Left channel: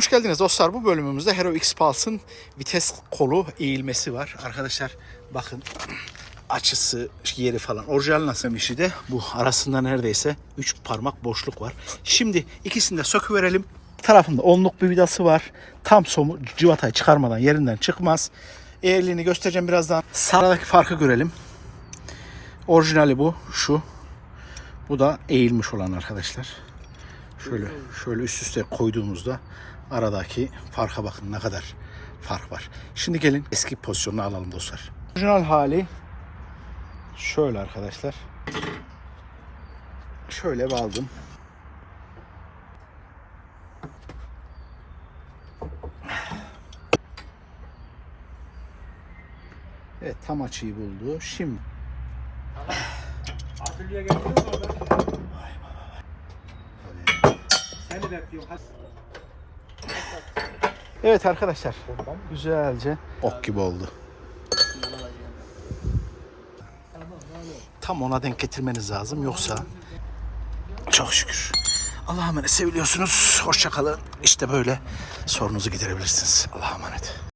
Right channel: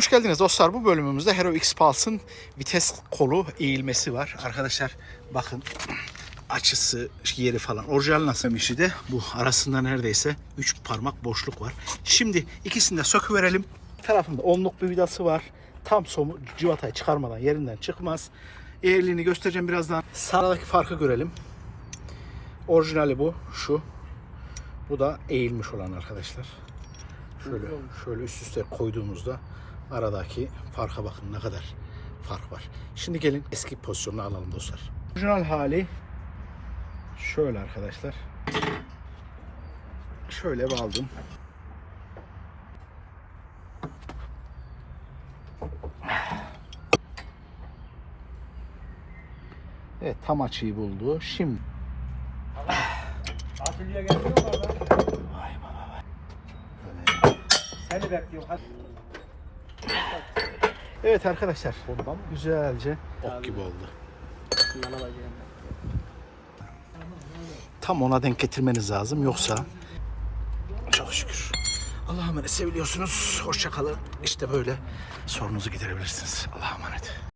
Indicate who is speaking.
Speaker 1: Hoş geldiniz dostlar. Bu bölümümüzde Hero X Pulse'ın vites kolu eğilmesi var. Arkadaşlar bakın açısı, yeri falan. Orijinal nasıl işi de bu. Arasında neredeyse 3 parmak boşluk var. Şimdi ikisini de söküverelim. Tarafında onluk bir vidası var. Tam somu civatayı çıkarmadan yerinden çıkmaz. Eğerliğini göstereceğim birazdan. Sağdaki farkı görelim. Orijinali bu. Şu. Bu da eğilmiş olan arkadaşlar. Şöyle şöyle üst üste koyduğumuzda aradaki farka bakın ne kadar fark var. Şimdi gelin eski pozisyonunu alalım dostlar. Orijinal hali şöyle arkadaşlar. Şöyle bağladım. Evet tam açıyı buldu. Şimdi
Speaker 2: Atölye geliyor mu abi?
Speaker 1: Vay baba.
Speaker 2: Seni bekliyorum.
Speaker 1: Evet arkadaşlar güzelce ok gibi oldu. Tam ona denk getirmeniz lazım yoksa çok şükür. Allah'a emanet seviliyorsunuz. Hoşça kalın. İşte böyle sorunuzu giderebilirsiniz. Allah'a emanet.